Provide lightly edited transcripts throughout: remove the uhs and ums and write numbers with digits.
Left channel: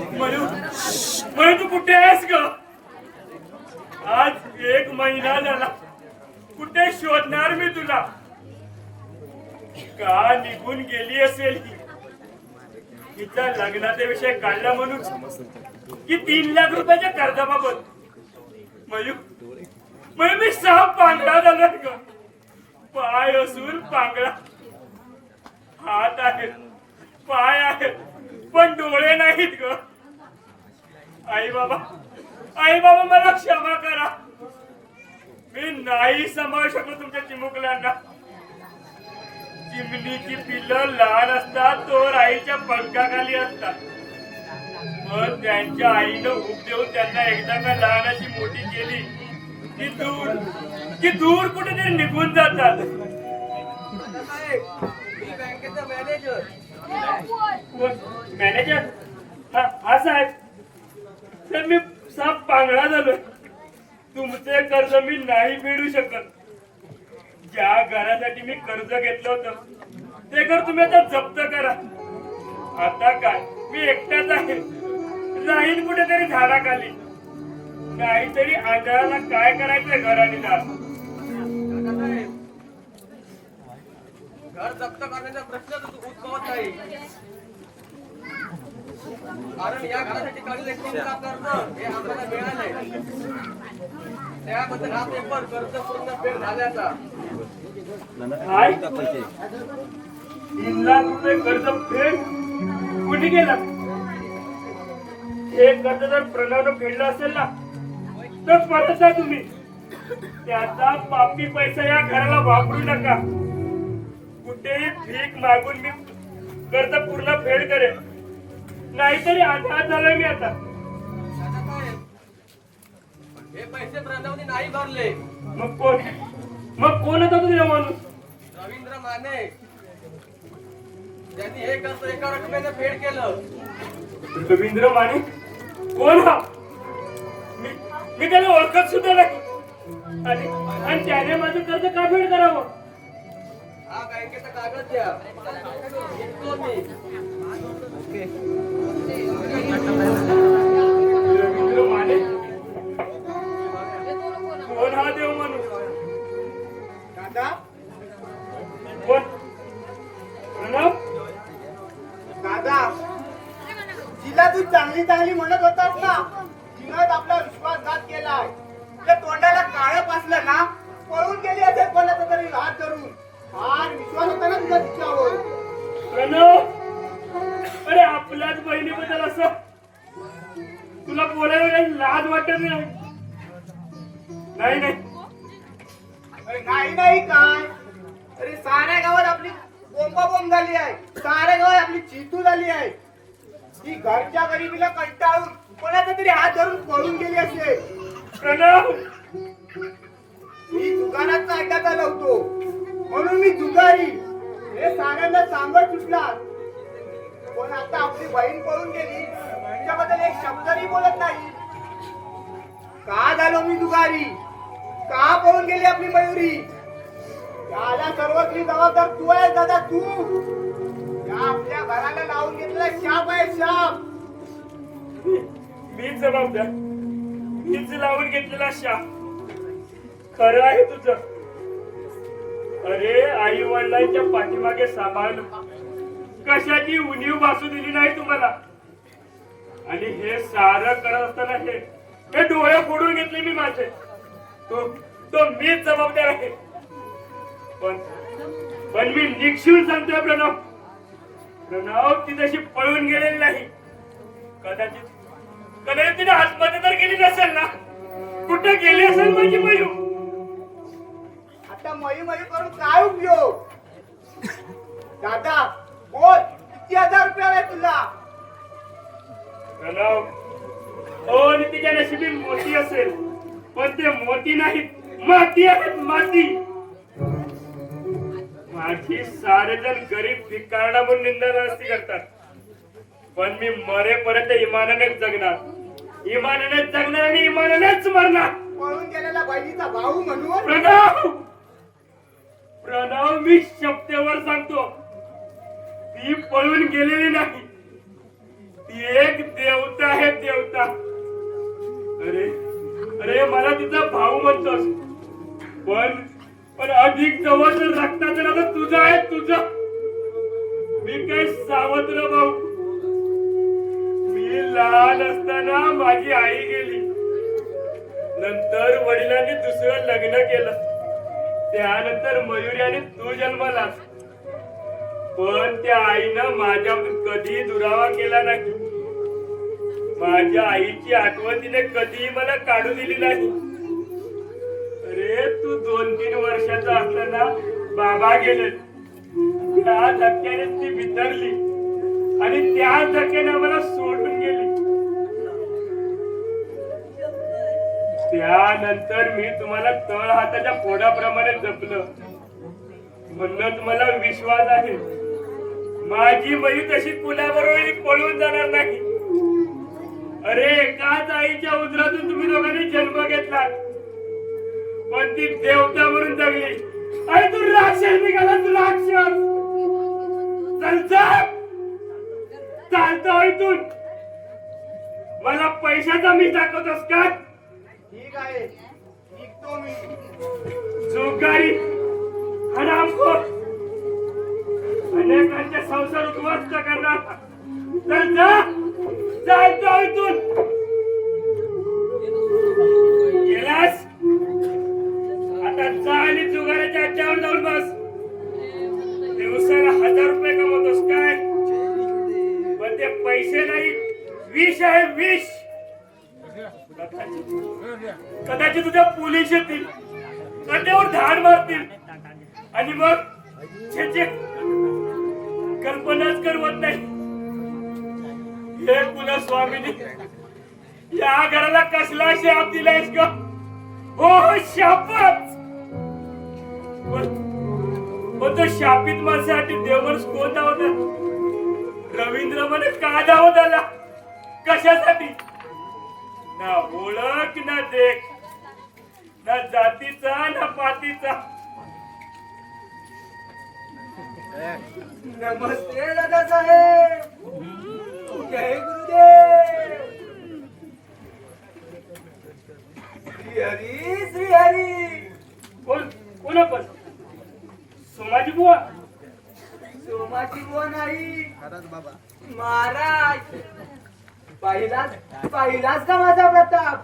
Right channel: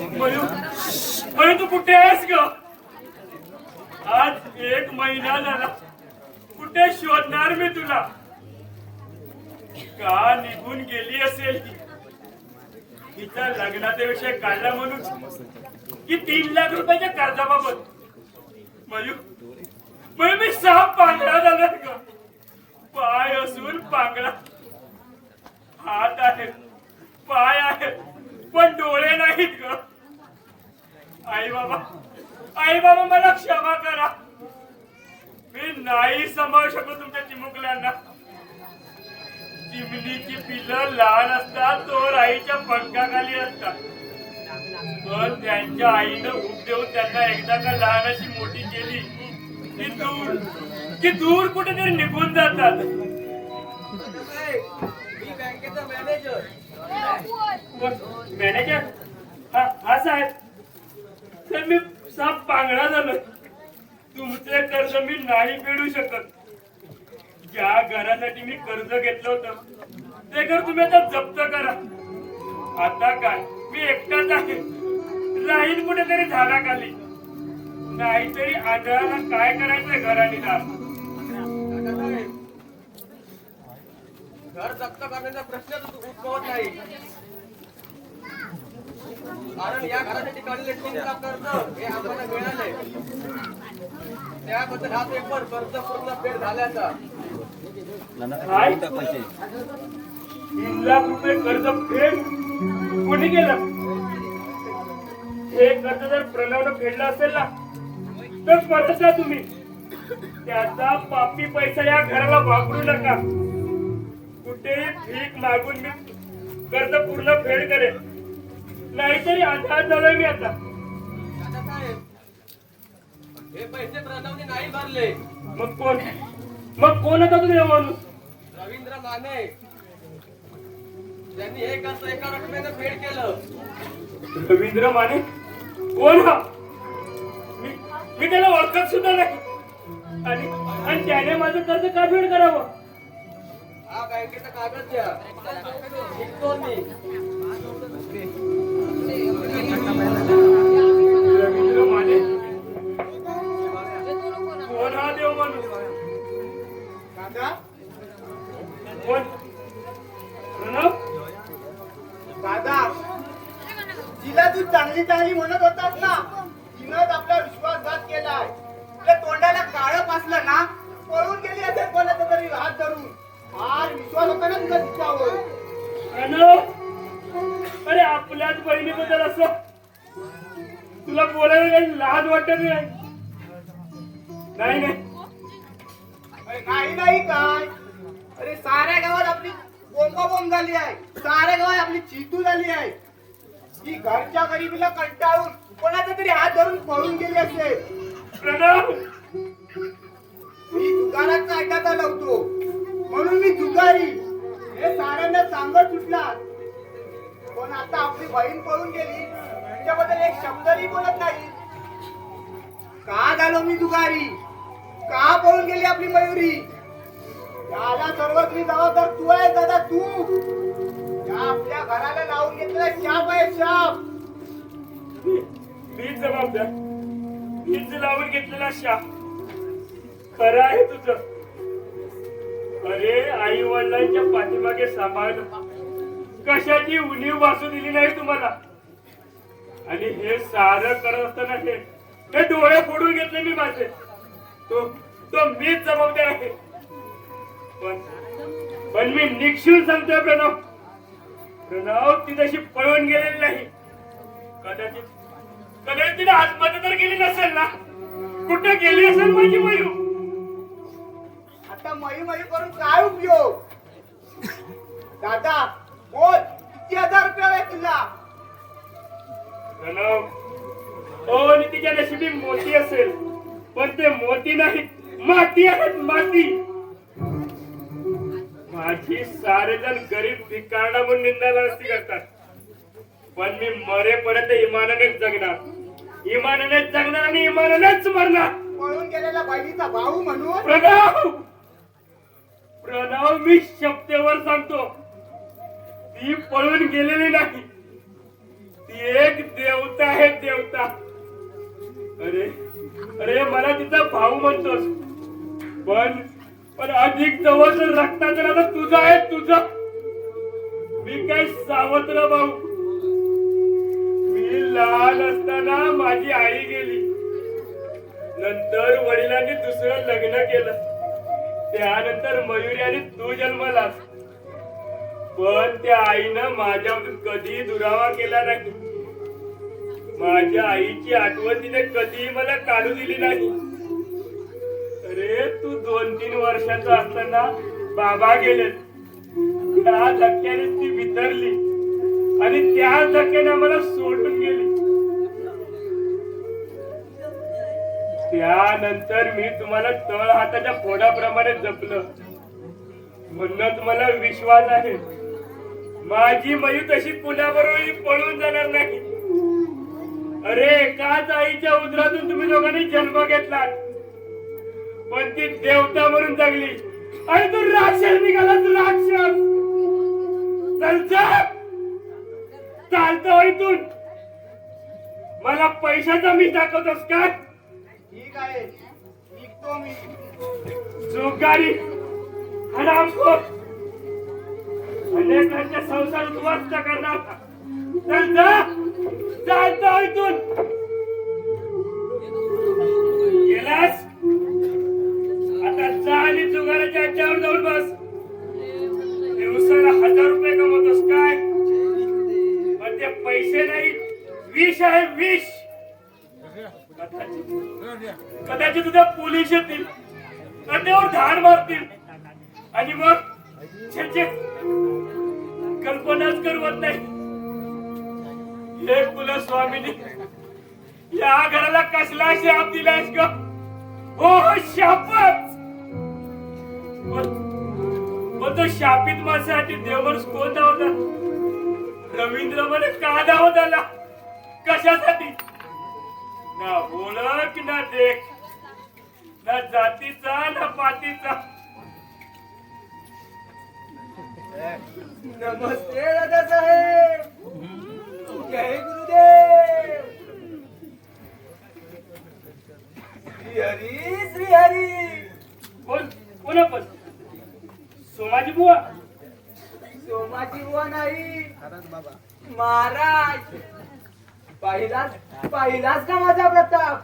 Mu mu तू कुठे आहेस ग? आज 1 महिना झाला. कुठे शोधणार मी तुला? का निघून गेली असेल ही? तिचा लग्नाचा विषय काढला म्हणून की 3 लाख रुपयाच्या कर्जाबाबत? मयू मयू मी साप पांगळा झाला ग. पाय असून पांगळा, हात आहेत, पाय आहेत, पण डोळे नाहीत ग. आई बाबा मला क्षमा करा. मी नाही सांभाळू शकलो तुमच्या चिमुकल्यांना. चिमणीची पिल्लं लहान असतात तोवर आईच्या पंखाखाली असतात, पण त्यांच्या आईनं उब देऊन त्यांना एकदा का लहानाची मोठी केली की दूर कुठेतरी निघून जातात. मी बँकेचा मॅनेजर. मॅनेजर? हा साहेब, तर मी साप पांगळा झालोय. तुमचे कर्ज मी नाही फेडू शकत. ज्या घरासाठी मी कर्ज घेतलं होतं ते घर तुम्ही आता जप्त करा. आता काय, मी एकटाच आहे. राहीन कुठेतरी झाडाखाली. नाहीतरी आंधळाला काय करायचंय घराने दार. घर जप्त करण्याचा प्रश्नच उद्भवत नाही, कारण या घरासाठी काढलेले 3 लाख कर्ज हे आम्हाला मिळाले. त्याबद्दल हा पेपर कर्ज पूर्ण फेड झाल्याचा. काय? 3 लाख रुपये कर्ज फेड कोणी केलं? हे कर्ज जर प्रणवनं फेडलं असेल ना तर परत तुम्ही त्याचा पापी पैसा या घराला वापरू नका. कुठेही भीक मागून मी कर्ज पूर्ण फेड करेन, नाहीतरी आधार झालोय मी आता. दादासाहेब, हे पैसे प्रणवने नाही भरले. मग कोण होता तुझ्या माणूस? रवींद्र माने. त्यांनी हे कर्ज एका रकमेनं फेड केलं. रवींद्र माने कोण हा? मी त्याला ओळखत सुद्धा नाही. आणि त्याने माझं कर्ज का फेड करावं? हा बँकेचा कागद द्या, निघतो मी. रवींद्र माने कोण हा देव माणूस? दादा, कोण? प्रणव? दादा, तिला तू चांगली चांगली म्हणत होतास ना, तिनंच आपला विश्वासघात केलाय. तुझ्या तोंडाला काळं पासलं ना, पळून गेली असेल कोणाचा तरी हात धरून. आज विश्वास होता ना तुझा तिच्यावर. प्रणव, अरे आपल्याच बहिणीबद्दल असं तुला बोलायला लाज वाटत नाही? नाही अरे नाही काय, अरे साऱ्या गावात आपली बोंबाबोंब झाली आहे. साऱ्या गावात आपली चितू झाली आहे. ती घरच्या गरिबीला कंटाळून कोणाचा तरी हात धरून पळून गेली असेल. प्रणव, मी दुकानाचा अड्डा लावतो म्हणून मी दुकानी हे साऱ्यांना सांगत सुटला, पण आता आपली बहीण पळून गेली तिच्याबद्दल एक शब्दही बोलत नाही. का झालो मी दुकारी? का पळून गेली आपली मयुरी? याला सर्वस्वी जबाबदार तू आहे दादा, तू. या आपल्या घराला लावून घेतलेला शाप आहे, शाप. मीच जबाबदार, मीच लावून घेतलेला शाप. खरं आहे तुझं. अरे आई वडिलांच्या पाठीमागे सांभाळणं कशाची उणीव भासू दिली नाही तुम्हाला. आणि हे सारं करत असताना हे डोळे फोडून घेतले मी माझे. तो मीच जबाबदार आहे. पण मी निक्षून सांगतोय प्रणव ती तशी पळून गेलेली नाही. कदाचित तिने आत्महत्या तर केली नसेल ना. कुठे गेली असेल माझी मयू? आता मयू करून काय उपयोग? दादा बोल, किती हजार रुपये आहे तुला? प्रणव, हो तिच्या नशिबी मोती असेल, पण ते मोती नाही, माती आहेत, माती. माझी सारेजण गरीब भिकारडा म्हणून निंदा नसती करतात, पण मी मरेपर्यंत इमानानेच जगणार. इमानानेच जगणार आणि इमानानेच मरणार. पळून गेलेला बहिणीचा भाऊ म्हणून. प्रणव, मी शब्देवर सांगतो, ती पळून गेलेली नाही. ती एक देवता आहे, देवता. अरे अरे मला तिचा भाऊ म्हणतोस, पण पण अधिक जवळ रक्ताचं नातं तुझं आहे, तुझं. मी काय सावत्र भाऊ. मी लहान असताना माझी आई गेली, नंतर वडिलांनी दुसरं लग्न केलं, त्यानंतर मयुरी आणि तू जन्मालास. पण त्या आईनं माझ्यावरून कधी दुरावा केला नाही. माझ्या आईची आठवण तिने कधी मला काढू दिली नाही. अरे तू 2-3 वर्षाचा असताना बाबा गेले, त्या धक्क्याने ती बिथरली आणि त्या धक्क्याने मला सोडून गेली. त्यानंतर मी तुम्हाला तळ हाताच्या फोडाप्रमाणे जपलं, म्हणून मला विश्वास आहे माझी मयू तशी कुणाबरोबर पळून जाणार नाही. अरे एकाच आईच्या उदरातून तुम्ही दोघांनी जन्म घेतला, पण ती देवता म्हणून जगली आणि तू राक्षस निघाला, तू राक्षस. चल चालतं इथून. मला पैशाचा मी दाखवतोस का? ठीक आहे, निघतो मी. जुगारी, हरामखोर, अनेकांचे संसार उद्ध्वस्त करणार. चल चालतं इथून. गेलास आता जा आणि जुगाराच्या अड्ड्यावर जाऊन बस. दिवसाला 1000 रुपये कमवतोस काय? पण ते पैसे नाही, विष आहे, विष. कदाचित तुझ्या पोलीस येतील, अड्ड्यावर धाड मारतील आणि मग छे कल्पनाच करवत नाही. हे कुला स्वामीनी या घराला कसला शाप दिलायस का? हो शापच. पण तो शापित माणसासाठी देवच कोण धावतात? रवींद्र मला का धावत आला? कशासाठी? ना ओळख ना देख, ना जातीचा ना पातीचा. नमस्ते दादा साहेब. जय गुरुदेव. श्री हरी, श्री हरी. कोण आपण? सोमाजी बुवा? सोमाजी बुवा नाही, महाराज. पाहिलाच का माझा प्रताप?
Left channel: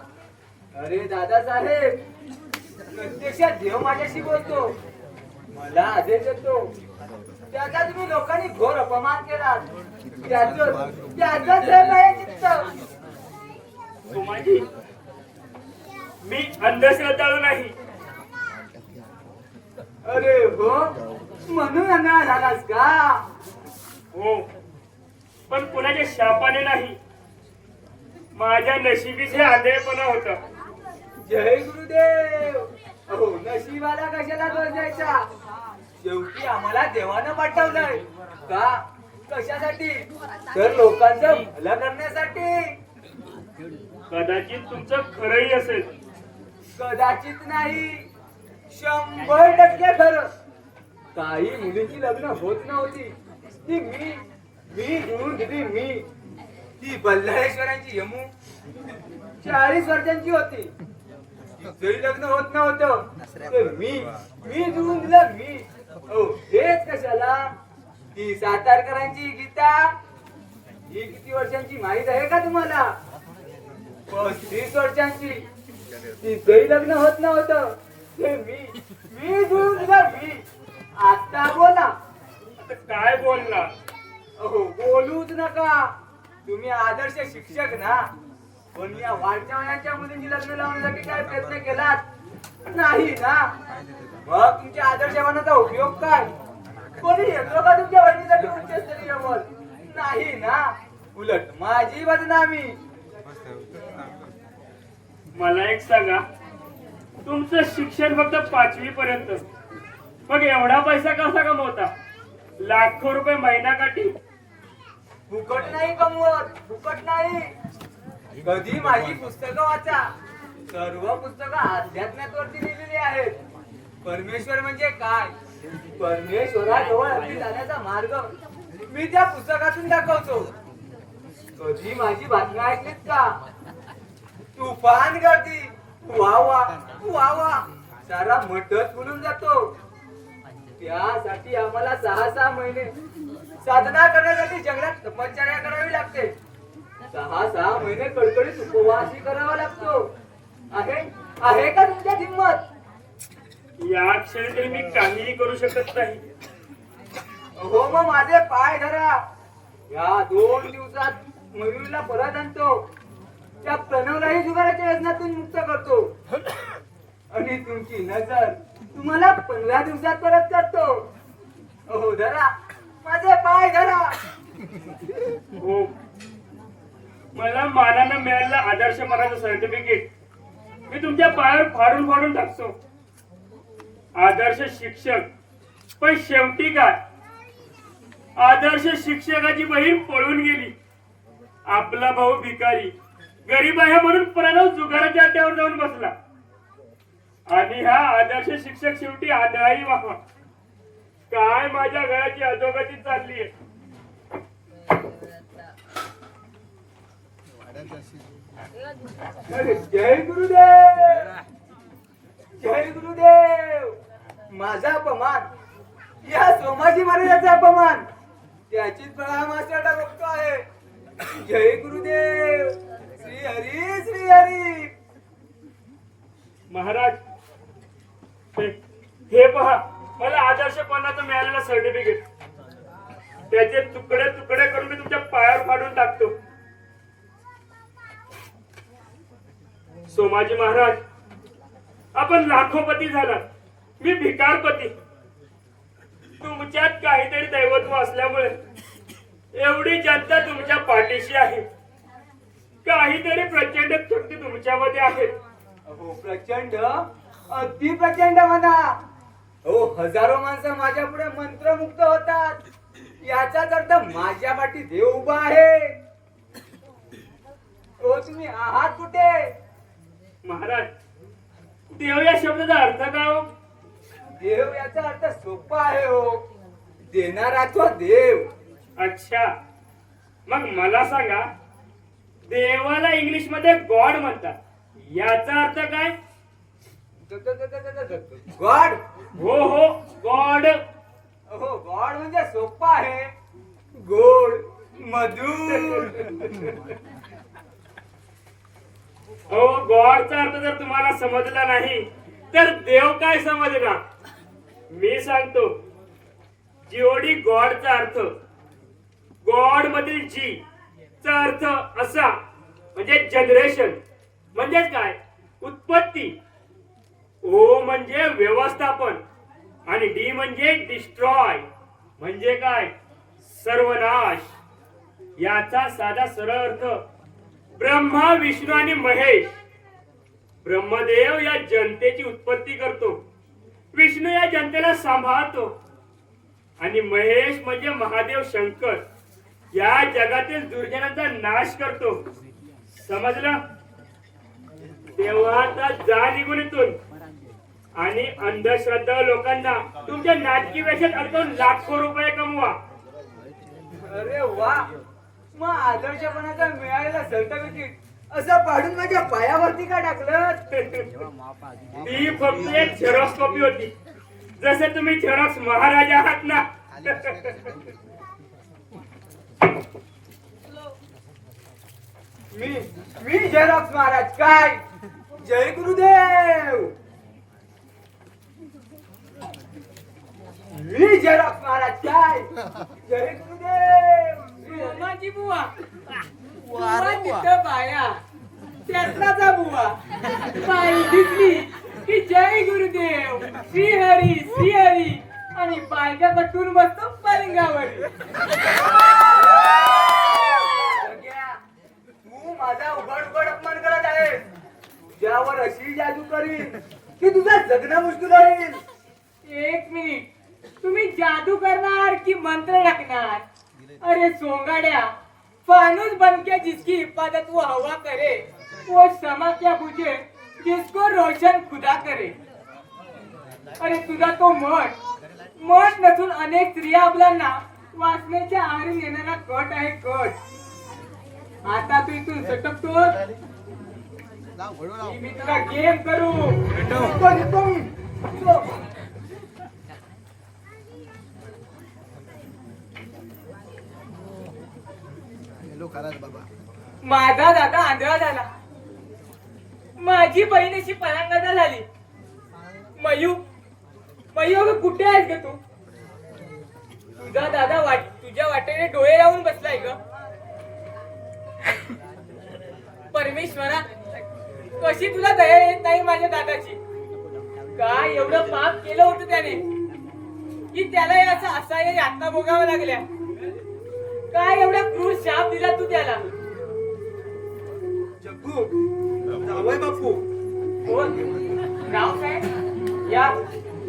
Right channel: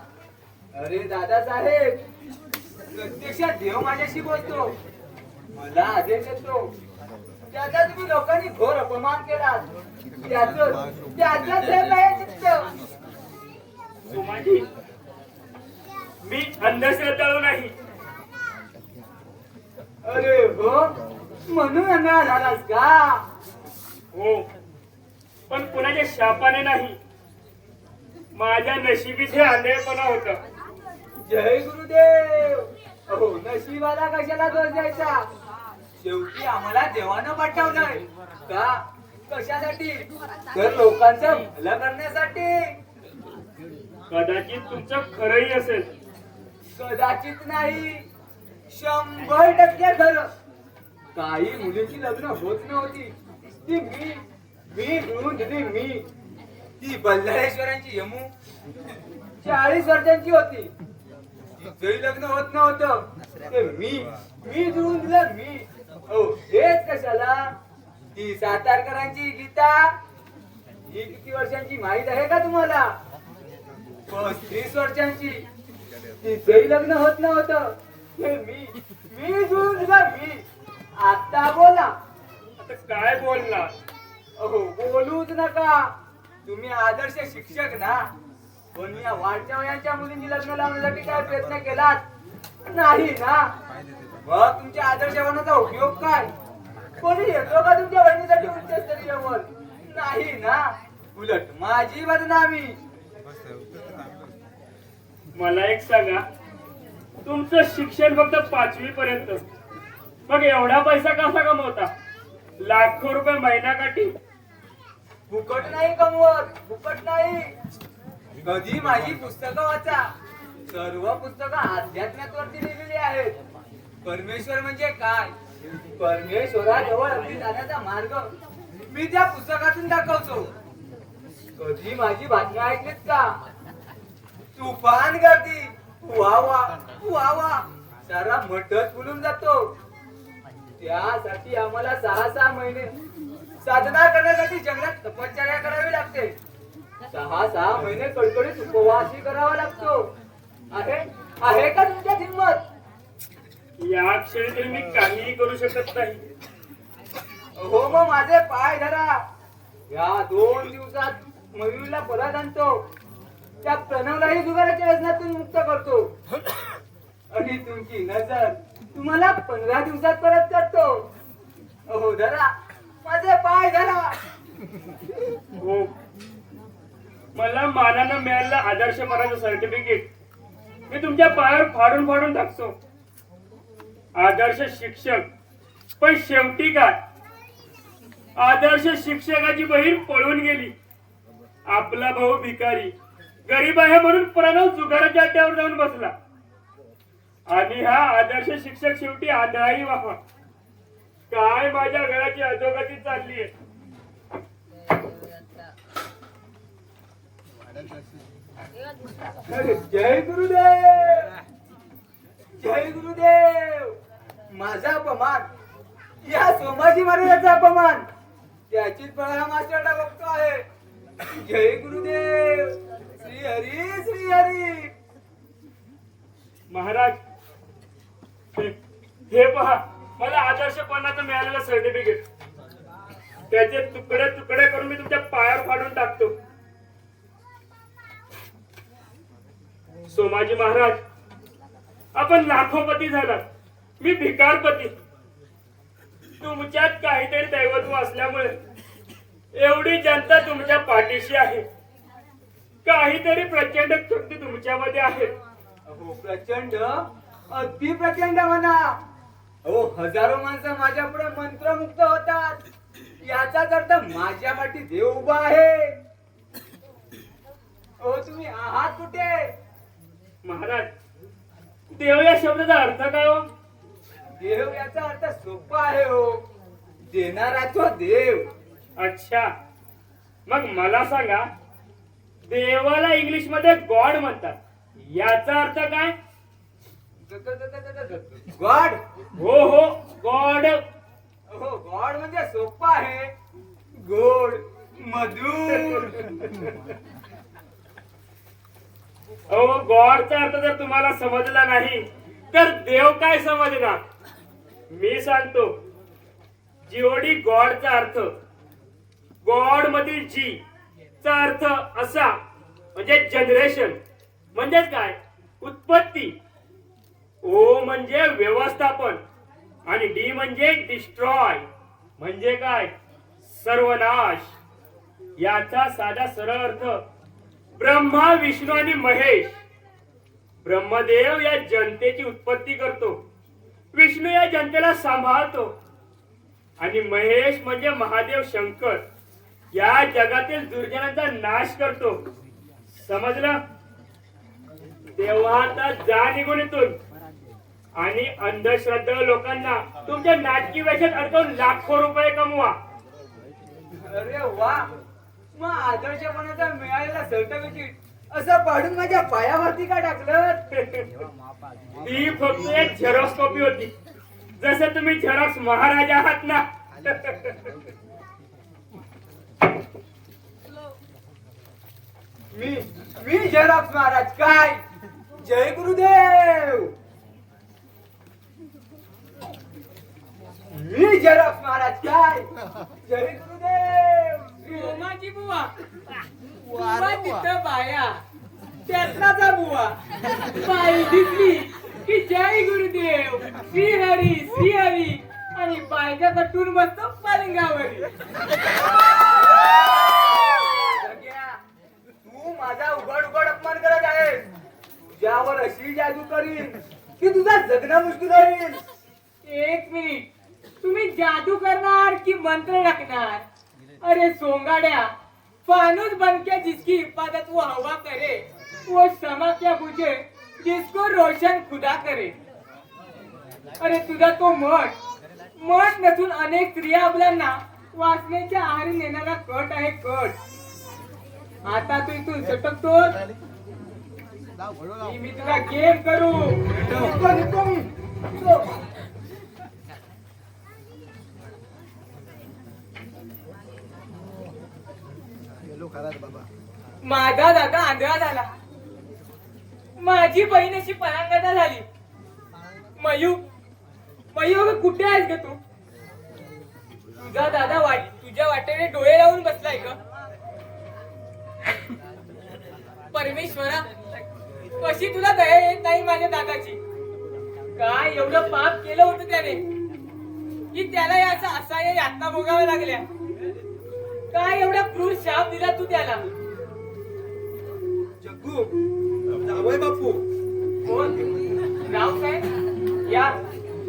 अरे दादा साहेब, प्रत्यक्षात देव माझ्याशी बोलतो, मला आदेश देतो. त्याचा तुम्ही लोकांनी घोर अपमान केला, त्याच चित्त. सोमाजी, मी अंधश्रद्धाळू नाही. अरे हो, म्हणून अंधळा झालास का? हो, पण कुणाच्या शापाने नाही, माझ्या नशिबीच हे आंधळेपणा होतं. जय गुरुदेव. अहो नशिबाला कशाला दोष द्यायचा? शेवटी आम्हाला देवानं पाठवलंय का? कशासाठी? तर लोकांचं भलं करण्यासाठी. कदाचित तुमचं खरंही असेल. कदाचित नाही, 100% खरं. काही मुलीची लग्न होत नव्हती, ती मी जुळून दिली. मी ती बल्लाळेश्वरांची यमू 40 वर्षांची होती, तिचंही लग्न होत नव्हतं, ते मी जुळून दिलं. मी हेच कशाला? ती सातारकरांची गीता ही किती वर्षांची माहित आहे का तुम्हाला? 35 वर्षांची, तिचंही लग्न होत नव्हतं, ते मी जुळून दिलं. मी. आता बोला. आता काय बोलणार? अहो बोलूच नका, तुम्ही आदर्श शिक्षक ना. पण या वाढत्या वयाच्या मुलींची लग्न लावण्यासाठी काय प्रयत्न केलात? नाही ना. मग तुमच्या आदर्श होण्याचा उपयोग काय? कोणी येतो का तुमच्या बहिणीसाठी उच्चस्तरीयवर? नाही ना. उलट माझी बदनामी. मला एक सांगा, तुमचं शिक्षण फक्त 5वी पर्यंत, मग एवढा पैसा कसा कमवता? लाखो रुपये महिन्याकाठी. फुकट नाही कमवत, फुकट नाही. कधी माझी पुस्तकं वाचा. सर्व पुस्तकं अध्यात्मावरती लिहिलेली आहेत. परमेश्वर म्हणजे काय, परमेश्वराजवळ अगदी जाण्याचा मार्ग मी त्या पुस्तकातून दाखवतो. कधी माझी बातमी ऐकलीत का? तुफान गर्दी, वा वा वा वा, सारा मठच फुलून जातो. त्यासाठी आम्हाला 6 महिने साधना करण्यासाठी जंगलात तपश्चर्या करावी लागते. 6 महिने कडकडीत उपवासही करावा लागतो. आहे का तुमच्यात हिंमत? या क्षणी तरी मी काहीही करू शकत नाही. हो, मग माझे पाय धरा. या 2 दिवसात मयुरीला परत आणतो. त्या प्रणवलाही जुगाराच्या व्यसनातून मुक्त करतो आणि तुमची नजर तुम्हाला 15 दिवसात परत करतो. हो, धरा माझे पाय धरा. हो, मला मानानं मिळालेलं आदर्शपणाचं सर्टिफिकेट मी तुमच्या पायावर फाडून फाडून टाकतो. आदर्श शिक्षक, पण शेवटी काय? आदर्श शिक्षकाची बहीण पळून गेली. आपला भाऊ भिकारी गरीब आहे म्हणून प्रणव जुगाराच्या अड्ड्यावर जाऊन बसला आणि हा आदर्श शिक्षक शेवटी आंधळाही वाहा. काय माझ्या घराची अधोगती चालली आहे. जय गुरुदेव, जय गुरुदेव. माझा अपमान, या सोमाजी महाराजांचा अपमान, त्याचीच प्रणाम आचरता बघतो आहे. जय गुरुदेव. श्री हरी, श्री हरी. महाराज, हे पहा, मला आदर्शपणाचं मिळालेलं सर्टिफिकेट. त्याचे तुकडे तुकडे करून मी तुमच्या पायावर फाडून टाकतो. सोमाजी महाराज, आपण लाखोपती झाला, मी भिकारपती. तुमच्यात काहीतरी दैवत्व असल्यामुळे एवढी जनता तुमच्या पाठीशी आहे. काहीतरी प्रचंड शक्ती तुमच्यामध्ये आहे. हो, प्रचंड, अगदी प्रचंड म्हणा. हो, हजारो माणसं माझ्या पुढे मंत्रमुक्त होतात. याचाच अर्थ माझ्या पाठी देव उभा आहे. हो, तुम्ही आहात कुठे? महाराज, देव या शब्दाचा अर्थ काय हो? देव याचा अर्थ सोपा आहे हो, देणारा तो देव. अच्छा, मग मला सांगा, देवाला इंग्लिश मध्ये गॉड म्हणतात, याचा अर्थ काय? गॉड. हो हो, गॉड. हो, गॉड म्हणजे सोपा आहे, गोड, मधुर. हो, गॉडचा अर्थ जर तुम्हाला समजला नाही तर देव काय समजणार? मी सांगतो. जीओडी गॉडचा अर्थ, गॉड मधील जी चा अर्थ असा म्हणजे जनरेशन, म्हणजे काय? उत्पत्ती. ओ म्हणजे व्यवस्थापन आणि डी म्हणजे डिस्ट्रॉय, म्हणजे काय? सर्वनाश. याचा साधा सरळ अर्थ ब्रह्मा, विष्णू आणि महेश. ब्रह्मदेव या जनतेची उत्पत्ती करतो, विष्णू या जनतेला सांभाळतो आणि महेश म्हणजे महादेव शंकर या जगातील दुर्जनांचा नाश करतो. समजलं? तेव्हा आता जा निघून इथून आणि अंधश्रद्धा लोकांना तुमच्या नाटकी वेशात अडकवून लाखो रुपये कमवा. अरे वा, मग आदर्शपणाचा मिळालेला सर्टिफिकेट असं पाडून माझ्या पायावरती का टाकलं? ती फक्त एक झेरॉक्स कॉपी होती, जसं तुम्ही झेरॉक्स महाराज आहात ना. मी झेरॉक्स महाराज काय? जय गुरुदेव. मी झेरॉक्स महाराज काय? जय गुरुदेव. सोमाजी बुवा, बुवा तिथं बाया, त्यातलाचा बुवा, बाई दिसली की जय गुरुदेव, श्रीहरी श्रीहरी, आणि बायका कटून बसतो पलंगावर. तू माझा उघड उघड अपमान करत आहेस. तुझ्यावर अशी जादू करीन की तुझा जगणं मुश्किल होईल. एक मिनिट, तुम्ही जादू करणार की मंत्र टाकणार? अरे सोंगाड्या, फानूस बनके जिसकी हिफाजत वो हवा करे, वो समा क्या बुझे जिसको रोशन खुदा करे. अरे तुझा तो मठ नसून अनेक स्त्रिया आपल्याला वाचण्याच्या आहारी नेणारा कट आहे, कट. आता तू इथून सटकतो की मी तुला गेम करू. येतो मी. माझा दादा आंधळा झाला, माझी बहीण अशी परांगदा झाली. मयू मयू अगं कुठे आहेस ग तू? तुझा दादा तुझ्या वाटेने डोळे लावून बसलाय ग. परमेश्वरा, कशी तुला दया येत नाही माझ्या दादाची? काय एवढं पाप केलं होतं त्याने की त्याला याचा असहाय्य यातना भोगाव्या लागल्या? काय एवढा क्रूर शाप दिला तू त्याला? जग्गू, जावई बापू. कोण? रावसाहेब? या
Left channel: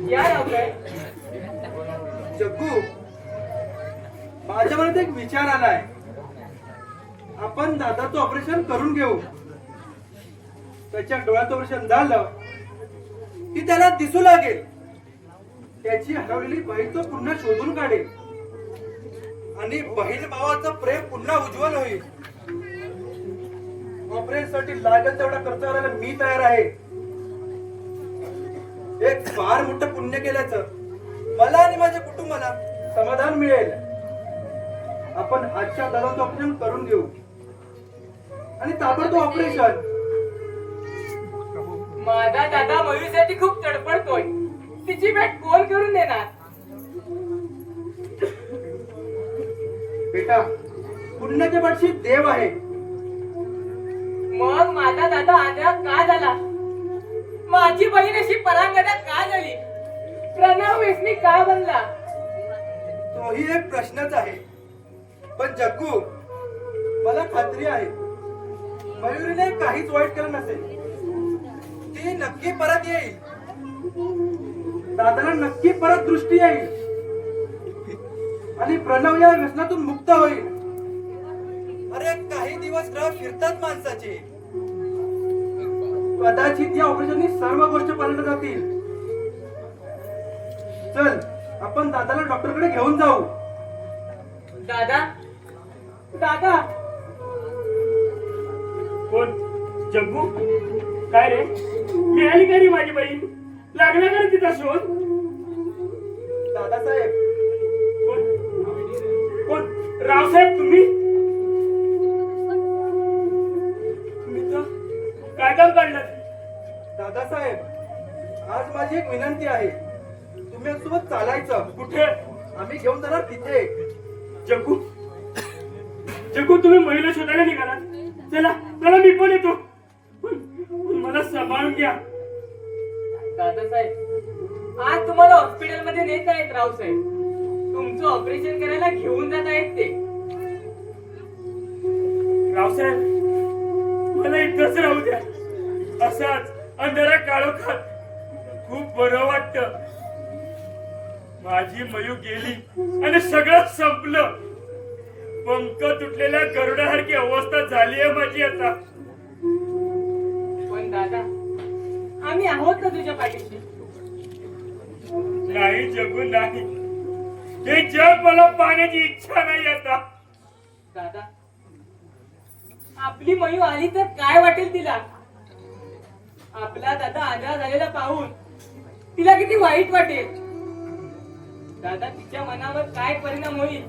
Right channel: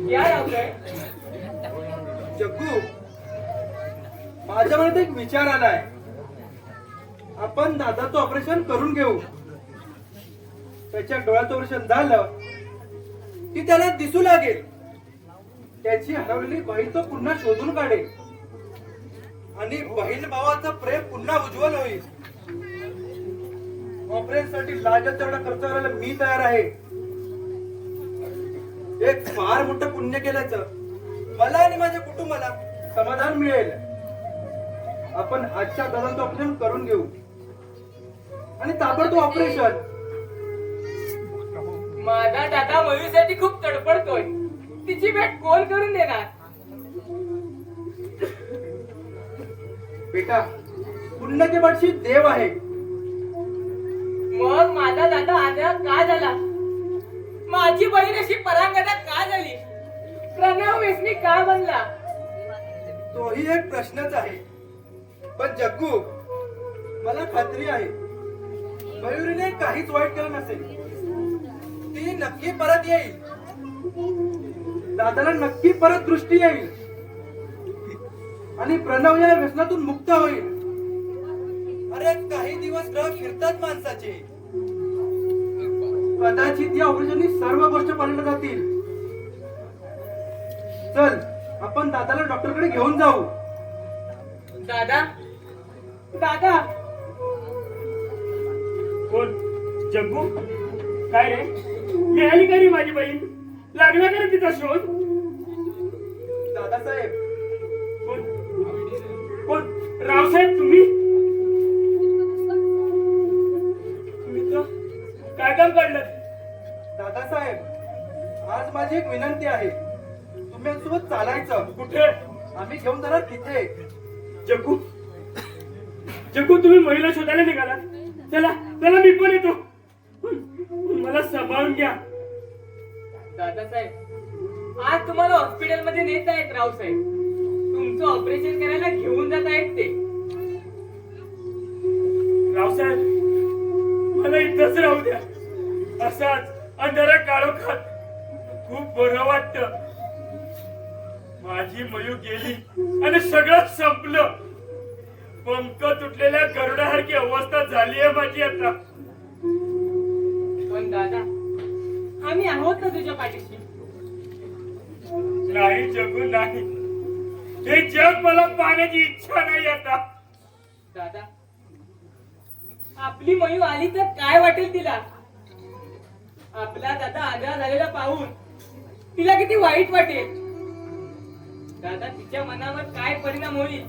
या रावसाहेब. जग्गू, माझ्या मनात एक विचार आलाय. आपण दादाचं ऑपरेशन करून घेऊ. त्याच्या डोळ्याचं ऑपरेशन झालं की त्याला दिसू लागेल. त्याची हरवलेली बहीण तो पुन्हा शोधून काढेल आणि बहीण भावाचं प्रेम पुन्हा उज्ज्वल होईल. ऑपरेशन साठी लागेल तेवढा खर्च करायला मी तयार आहे. एक फार मोठं पुण्य केल्याचं मला आणि माझ्या कुटुंबाला समाधान मिळेल. आपण आजच्या दादाचं ऑपरेशन करून घेऊ आणि ताबडतोब ऑपरेशन. माझा दादा मयूसाठी खूप तडफडतोय. तिची भेट कोण करून देणार? बेटा, पुण्याच्या पाठशी देव आहे. मग माझा दादा आंधळा का झाला? माझी बहीण अशी परांगदा का झाली? प्रणव वेसनी का बनला? तोही एक प्रश्नच आहे. पण जग्गू, मला खात्री आहे मयुरीने काहीच वाईट केलं नसेल. ती नक्की परत येईल. दादाला नक्की परत दृष्टी येईल आणि प्रणव या व्यसनातून मुक्त होईल. अरे काही दिवस ग्रह फिरतात माणसाचे. कदाचित या ऑपरेशननी सर्व गोष्टी पालटल्या जातील. चल, आपण दादाला डॉक्टरकडे घेऊन जाऊ. दादा दादा कोण? जग्गू? काय रे, मिळाली का रे माझी बहीण? लागला का रे तिचा शोध? दादासाहेब, कोण? कोण? रावसाहेब तुम्ही? मित्र, काय काम काढलं? दादासाहेब, आज माझी एक विनंती आहे. तुम्ही आमच्यासोबत चालायचं. कुठे? आम्ही घेऊन जाणार तिथे. जग्गू, जग्गू तुम्ही महिला शोधायला निघाला? चला चला, मी पण येतो. मला सांभाळून घ्या. दादासाहेब, आज तुम्हाला हॉस्पिटलमध्ये नेत आहेत रावसाहेब. तुमचं ऑपरेशन करायला घेऊन जात आहेत ते. रावसाहेब, मला इथंच राहू द्या. असाच अंधारा काळोखात खूप बरं वाटतं. माझी मयू गेली आणि सगळं संपलं. पंख तुटलेल्या गरुडासारखी अवस्था झाली आहे माझी आता. पण दादा, आम्ही आहोत ना तुझ्या पाठीशी. नाही जगू, नाही. हे जग मला पाहण्याची इच्छा नाही आता. दादा, आपली मयू आली तर काय वाटेल तिला? आपला दादा आंधळा झालेला पाहून तिला किती वाईट वाटेल. दादा, तिच्या मनावर काय परिणाम होईल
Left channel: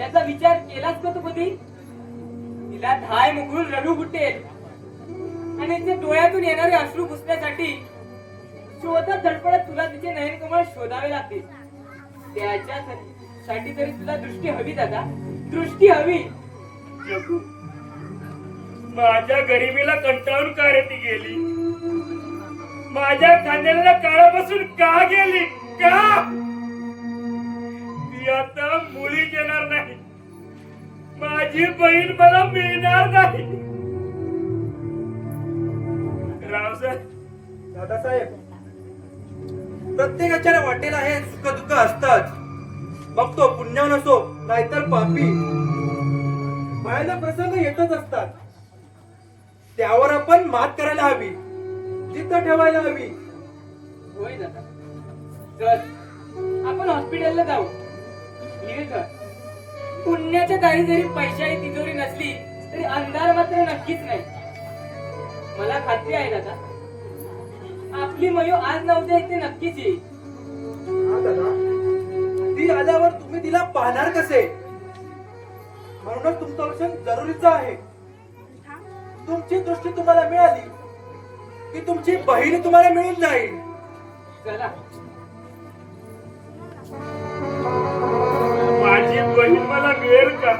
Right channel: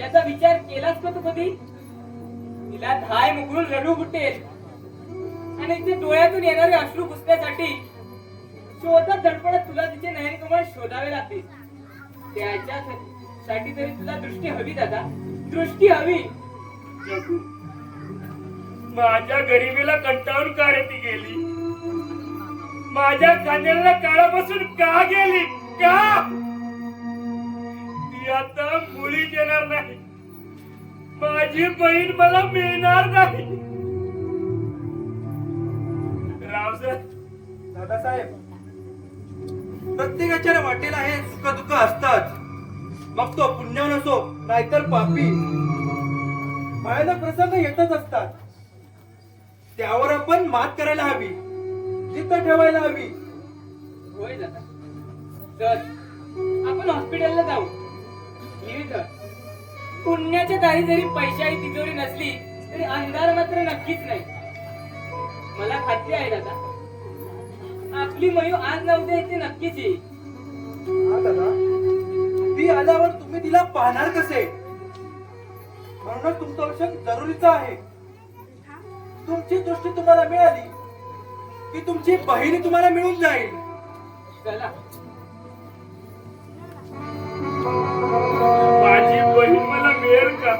याचा विचार केलास का तू कधी? तिला धाय मुकरून रडू फुटेल आणि ते डोळ्यातून येणारे अश्रू पुसण्यासाठी शोधत धडपडत तुला तिचे नयनकमळ शोधावे लागतील. त्याच्यासाठी तरी तुला दृष्टी हवी दादा, दृष्टी हवी. जगू, माझ्या गरिबीला कंटाळून का रे ती गेली? माझ्या खांद्याला काळापासून का गेली? का? ती आता मुळीच येणार नाही. माझी बहीण मला मिळणार नाही. रावसाहेब, दादासाहेब, प्रत्येकाच्या वाटेला हे सुख दुःख असतात. मग तो पुण्यवान असो नाहीतर पापी. भयानक प्रसंग येतच असतात. त्यावर आपण मात करायला हवी, जिथं ठेवायला हवी. होय दादा, तर आपण हॉस्पिटलला जाऊ. धीरे धर. पुण्याच्या दारी जरी पैशाची तिजोरी नसली तरी अंधार मात्र नक्कीच नाही. मला खात्री आहे दादा, आपली मयू आज न उद्या येते नक्कीच येईल. हा दादा, ती आल्यावर तुम्ही तिला पाहणार कसे? म्हणूनच तुमचं लक्ष जरुरीचं आहे. तुमची दृष्टी तुम्हाला मिळाली की तुमची बहीण तुम्हाला मिळून जाईल. चला. माझी बहीण मला मिळेल का?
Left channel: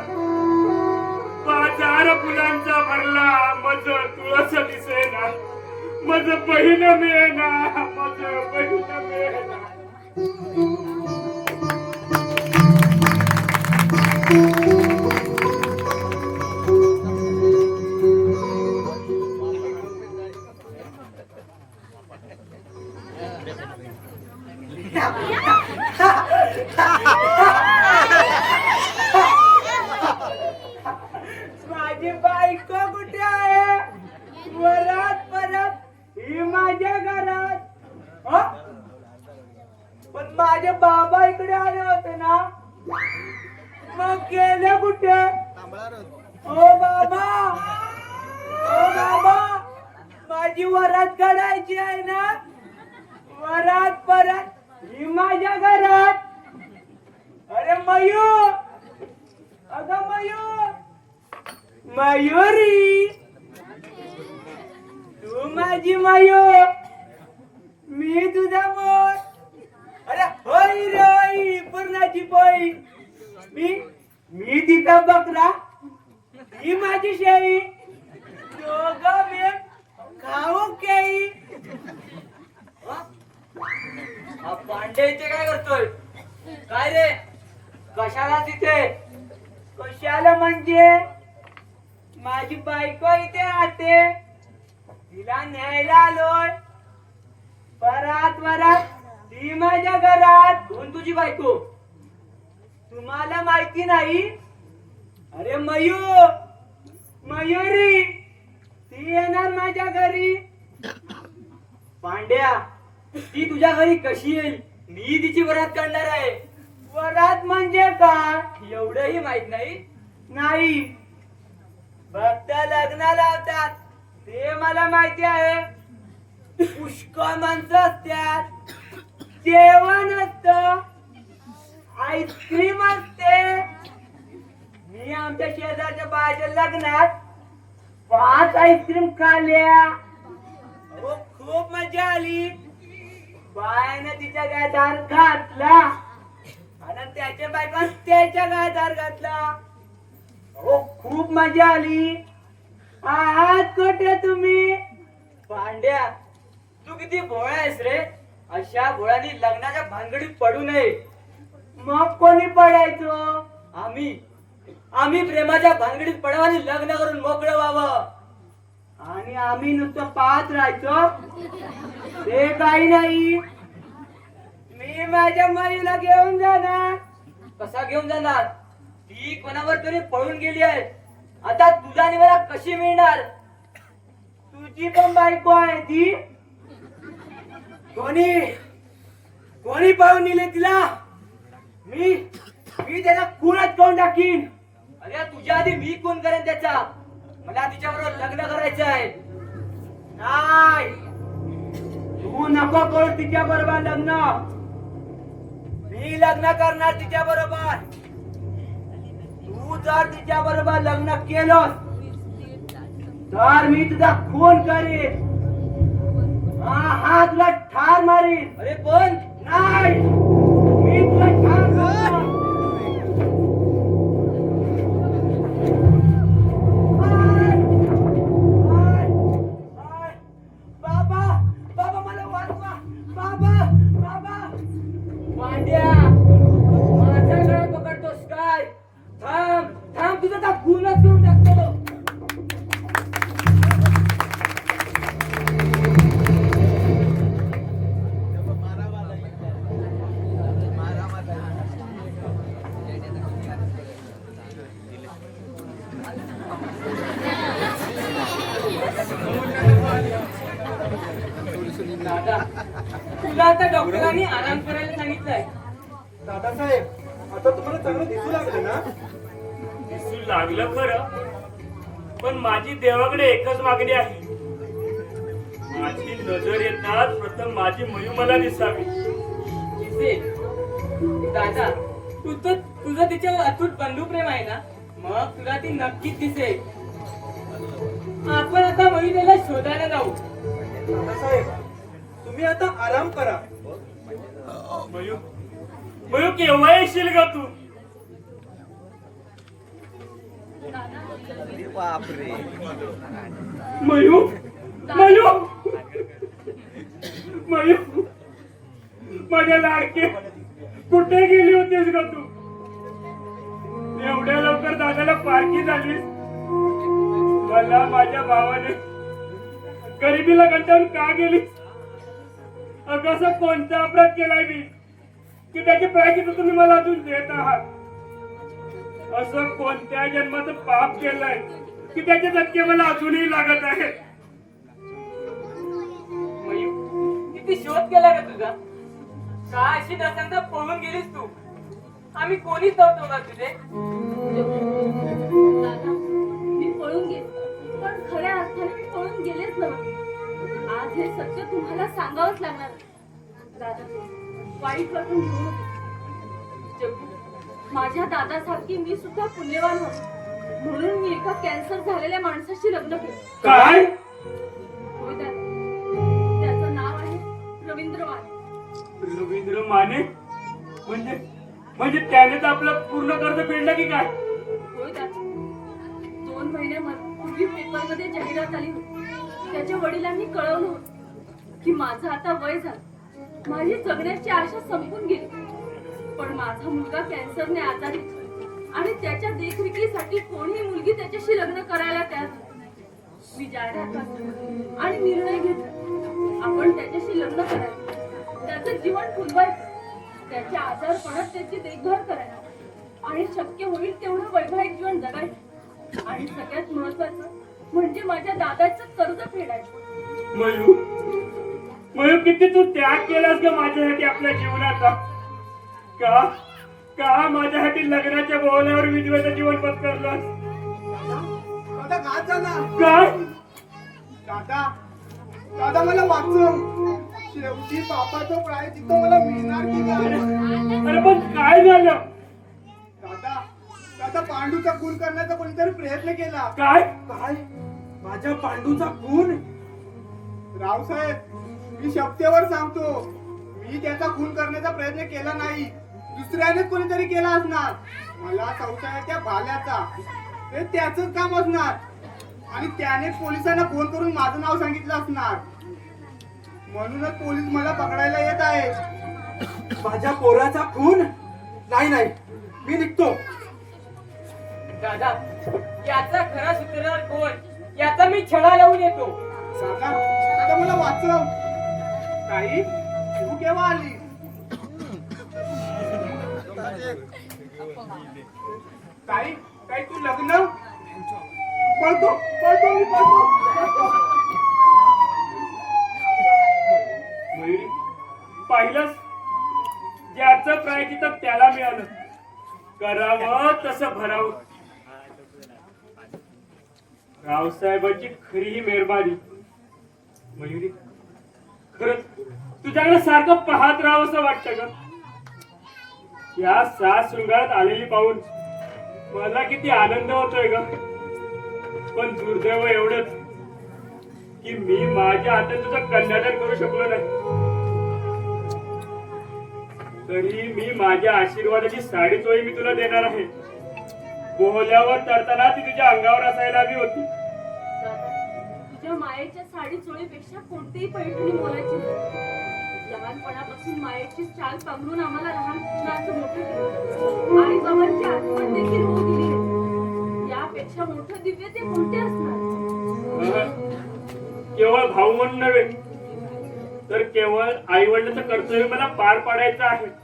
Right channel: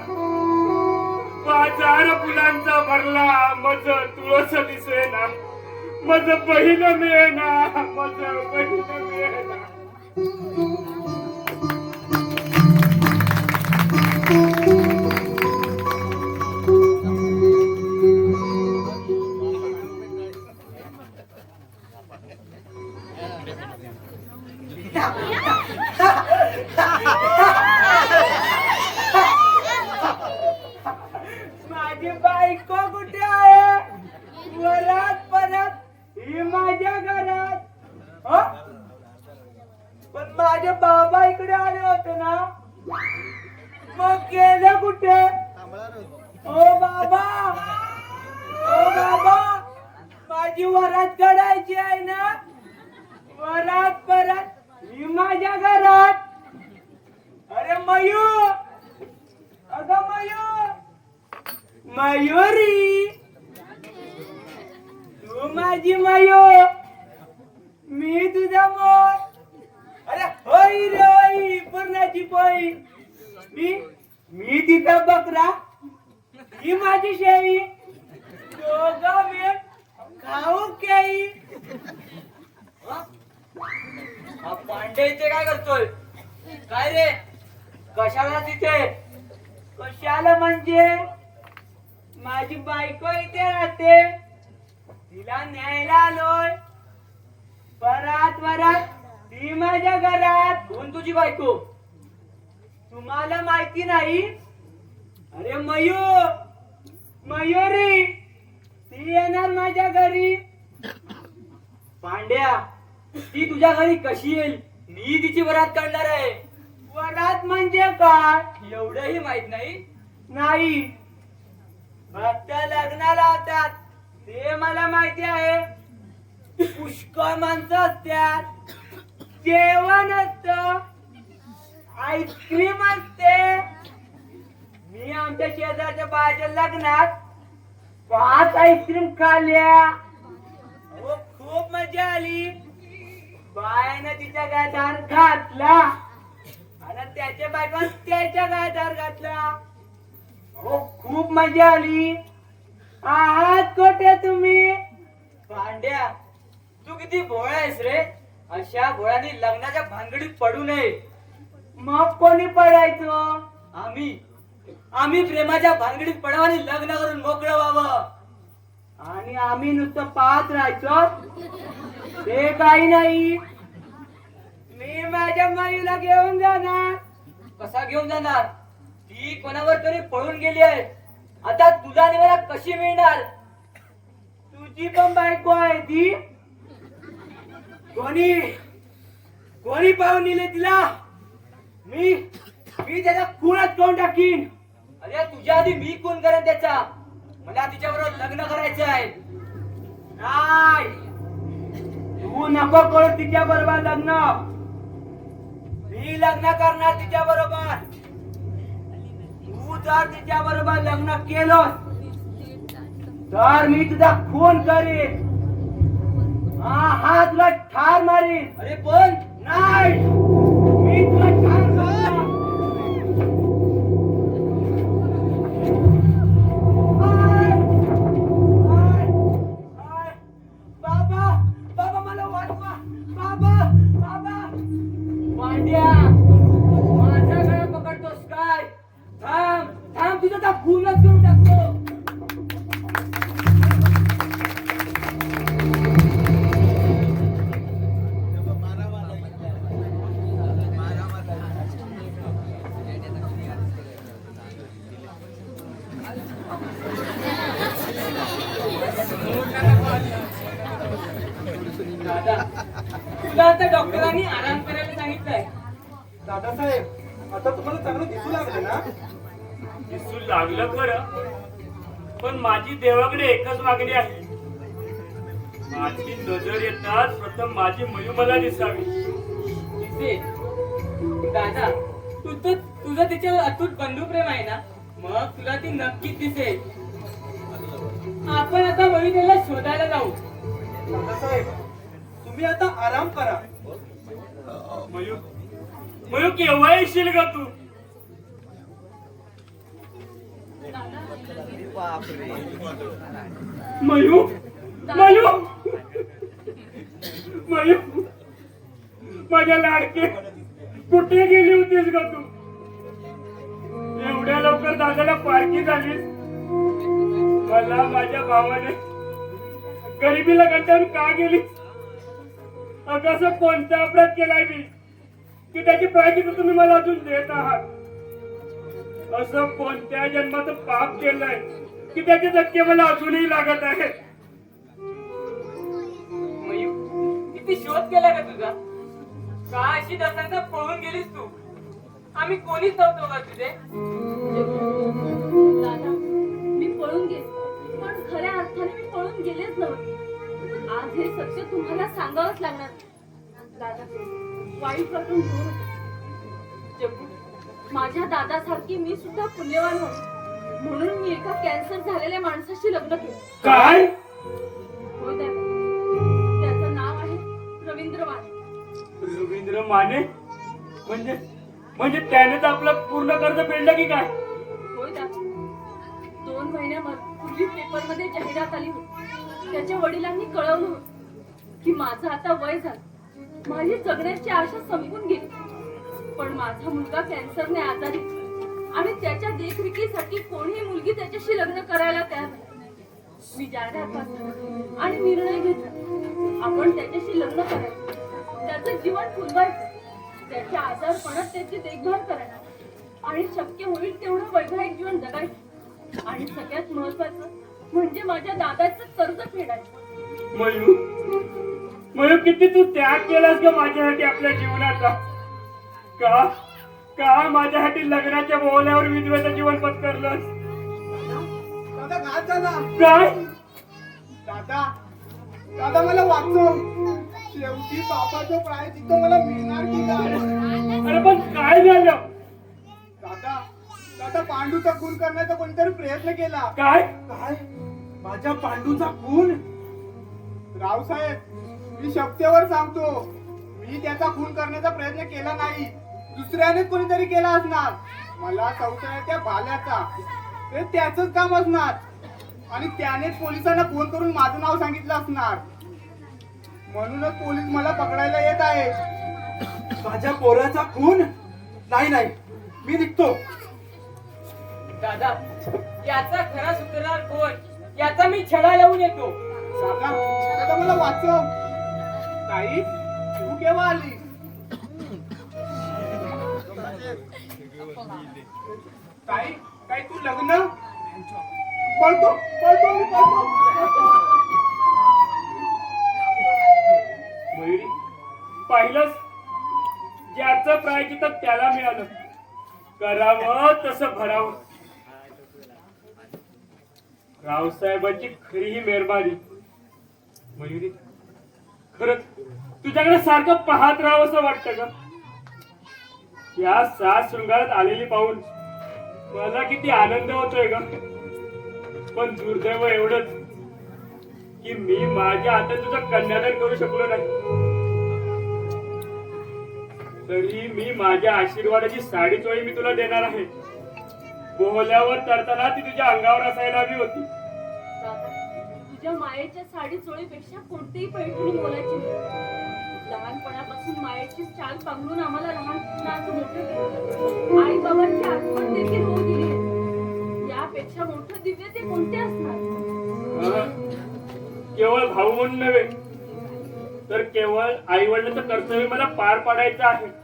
बाजार फुलांचा भरला मज तुळस दिसेना, मज बहीण मिळेना, मज बहीण मिळेना. माझी बायको कुठे आहे? वरात परत ही माझ्या घरात. हं? पण माझे बाबा इकडे आले होते ना, मग गेले कुठे? ओ बाबा, ओ बाबा, माझी वरात काढायची आहे ना. वरात परत ही माझ्या घरात. अरे मयू, अगं मयू, मयुरी, तू माझी मयू, मी तुझा मोर. अरे होय रे होय, पूर्णाची पोळी. मी तिचा बकरा, ही माझी शेळी, दोघं मी खाऊ केळी. हा पांडे इथे काय करतोय? काय रे, कशाला तिथे? कशाला म्हणजे? माझी बायको इथे राहते, तिला न्यायला आलोय. वरात ती माझ्या घरात. कोण तुझी बायको? तुम्हाला माहिती नाही? अरे मयुरी, ती येणार माझ्या घरी. पांड्या, ती तुझ्या घरी कशी येईल? मी तिची वरात काढणार आहे. वरात म्हणजे काय एवढंही माहित नाही? नाही, फक्त लग्न लावतात ते मला माहिती आहे. पुष्कळ माणसं असतात, जेवण असतं, आईस्क्रीम असते. मी आमच्या शेजारच्या बाळाच्या लग्नात 5 आईस्क्रीम खाल्ल्या. अहो, खूप मजा आली. बायने तिच्या गायत हार घातला आणि त्याच्या बायकोने त्याच्या गायत हार घातला. अहो, खूप मजा आली. आहात कुठे तुम्ही? पांड्या, तू किती भोळा आहेस रे. अशा भोळ्यानी लग्नाच्या भानगडीत पडू नये. मग कोणी पडायचो? आम्ही प्रेमाच्या भानगडीत पडावं आणि लग्न करून मोकळं व्हावं. आणि आम्ही नुसतं पाहत राहायचो? ते काही नाही. मी माझ्या मयुरीला घेऊन जाणार. कसा घेऊन जाणार? ती कोणावर तरी पळून गेली आहे. आता तुला आणि मला कशी मिळणार? तुझी पण बायको आहे ती. कोणी पाहून नेले तिला? मी त्याचा खूनच करून टाकीन. अरे तुझ्या आधी मी खून करेन त्याचा. मला तिच्याबरोबर लग्न करायचं आहे. नाही, तू नको करू तिच्या बरोबर लग्न. मी लग्न करणार तिच्या बरोबर. तू जर तिच्या बरोबर लग्न केलं तर मी तुझा खून करीन. हा तुला ठार मारीन. अरे पण नाही, मी तुला ठार करणार. बाबा मला वाचवा. बाबा पांड्या, माझ्या गळा पकडतोस काय? थांब तुझा त्या खूनच करून टाकतो. दादा, तुला आता डॉक्टरांनी आराम करायला सांगितलंय. दादासाहेब, आता तुम्हाला चांगलं दिसू लागले ना? दिसू लागलं खरं, पण माझी देवाकडे एकच मागणी आहे. माझी नजर येताच प्रथम माझी मयू मला दिसावी. दिसेल. दादा तुझं तिच्यावर अतूट बंधुप्रेम आहे ना, मग तुला ती नक्कीच दिसेल. आपण आता वहिनीला शोधायला जाऊ. दादासाहेब, तुम्ही आता आराम करा. मयू मयू केव्हा येशील का तू? मयू मयू मयू माझ्या लाडके, कुठे गेली होतीस का तू? एवढ्या लवकर दादाला पारखी झालीस. मला माझ्या भावाने गरिबीला कंटाळून का गेली? असं कोणता अपराध केलाय मी की त्याची प्रायश्चित्त तुम्ही मला अजून देत आहात? असं कोणत्या जन्माचं पाप केलंय की त्याचे धक्के मला अजूनही लागत आहेत? मयू, किती शोध केला का तुझा? का अशी दसऱ्यात पळून गेलीस तू? आम्ही कोणीच नव्हतो का तुझे? दादा, मी पळून गेले, पण खऱ्या अर्थाने मी पळून गेलेच नव्हते. आज हे सत्य तुम्हाला सांगावंच लागणार. दादा, वाईट वाटून घेऊ नको. जग्गू, माझ्या दादासारखी मी सुद्धा पुण्यवान होतो, म्हणून मी एका कॅन्सर झालेल्या माणसाशी लग्न केलं. काय? होय दादा, त्याचं नाव आहे रवींद्र माने. रवींद्र माने? म्हणजे त्यानेच आपलं पूर्ण कर्ज फेडलं की काय? होय दादा, 2 महिन्यापूर्वी पेपरमध्ये जाहिरात आली होती. त्याच्या वडिलांनी कळवलं होतं की माझं आता वय झालं, माझी जगण्याची आशा संपून गेली. पण माझा मुलगा कॅन्सरने आजारी आणि त्याच्या देखरेखीसाठी कोणीही मुलगी त्याच्याशी लग्न करायला तयार नाही. मी जाहिरात वाचली आणि निर्णय घेतला, आपण त्याच्याशी लग्न करायचं, त्याचं जीवन फुलवायचं, त्याच्या आजारपणात त्याची देखभाल करायची आणि शक्य होईल तेवढं वैवाहिक जीवन जगायचं. आणि सगळ्यात महत्वाचं म्हणजे माझ्या दादाचं कर्ज फेडायचं. मयू, किती तू त्याग केलास ग माझ्यासाठी आपल्या जीवनाचा. का माझ्यासाठी लग्नाच्या बोहल्यावर विधवेचं जीवन पत्करलंस? दादा काय झाला? काय? दादा दादा मला वाचव. शेवटी पापाचं प्रायश्चित्त मला मिळणार की काय? अरे पण काय झालं? दादा दादा पांडूचा खून करण्याचा कोणीतरी प्रयत्न केला. काय? काय? माझ्या पांडूचा खून? रावसाहेब, मी शपथेवर सांगतो, मी त्याचा खून करण्याचा प्रयत्न केला नाही. दुसऱ्यानेच कोणीतरी केला असणार. मला संशय आहे त्या भाल्याचा. ते त्याचंच काम असणार आणि त्यानेच पोलिसांना फोन करून माझं नाव सांगितलं असणार. म्हणूनच पोलीस मला पकडायला येत आहेत. माझ्या पोराचा खून? नाही, मी निघतो. दादा, याचा खरा सूत्रधार कोण याचा मी छडा लावून येतो. दादा दादा मला वाचव. ताई, तू केव्हा आली? ताई ताई, तू लग्न? पळतो मी पळतो. मयुरी, पाहिलंस, ज्याचं प्रायश्चित्त त्याला मिळालं. करावं तसं भरावं. रावसाहेबांची खरी ही मेहरबानी. मयुरी, खरंच तुझ्याकडे सारखं पाहत राहावं असं वाटतं ग. या 7 शृंगारात आलेली पाहून मला किती आनंद होतोय ग. पण दुर्दैव एवढंच की मी माझ्या हातात तुझं कन्यादान करू शकलो नाही. तरी मी माझ्या आशीर्वादाची साडी चोळी मी तुला देणार आहे. बोहल्यावर तरताना ती तुझ्या अंगावर असायला हवी होती. दादा, तुझ्या मायेच्या साडी चोळीपेक्षा कोणतीही पैठणी मोलाची नाही. लहानपणापासून मायेची चाल पांघरून आम्हाला लहानपणाचं मोठं केलं. आई बाबांची आठवण देखील होऊ दिली आहे. यापेक्षा मोठं दिव्य ते कोणते असणार? केवळ भाऊ म्हणून नव्हे तर केवळ आई वडिलांचं कर्तव्य मला पार पाडायचं आहे.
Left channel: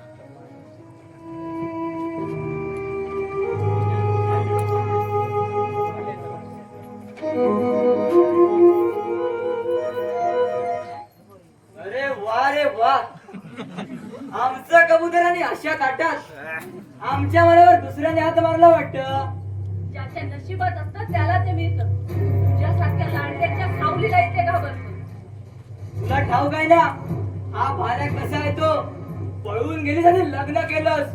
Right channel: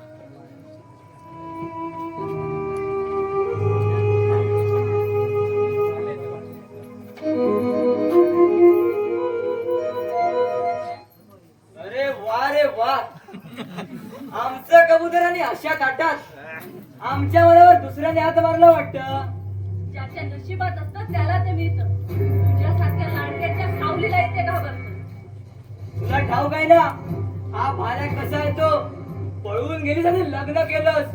अरे वा, आमचं कबुतर आणि अशा ताटात आमच्या मनावर दुसऱ्याने हात मारला वाटतं. ज्याच्या ज्याच्या नशिबात असतं त्याला ते मिळतं. तुझ्यासारख्या लांडग्याच्या सावलीला इथे घाबरतो. तुला ठाऊक आहे ना हा भाड्या कसा आहे तो. पळून गेलीस आणि लग्न केलंस,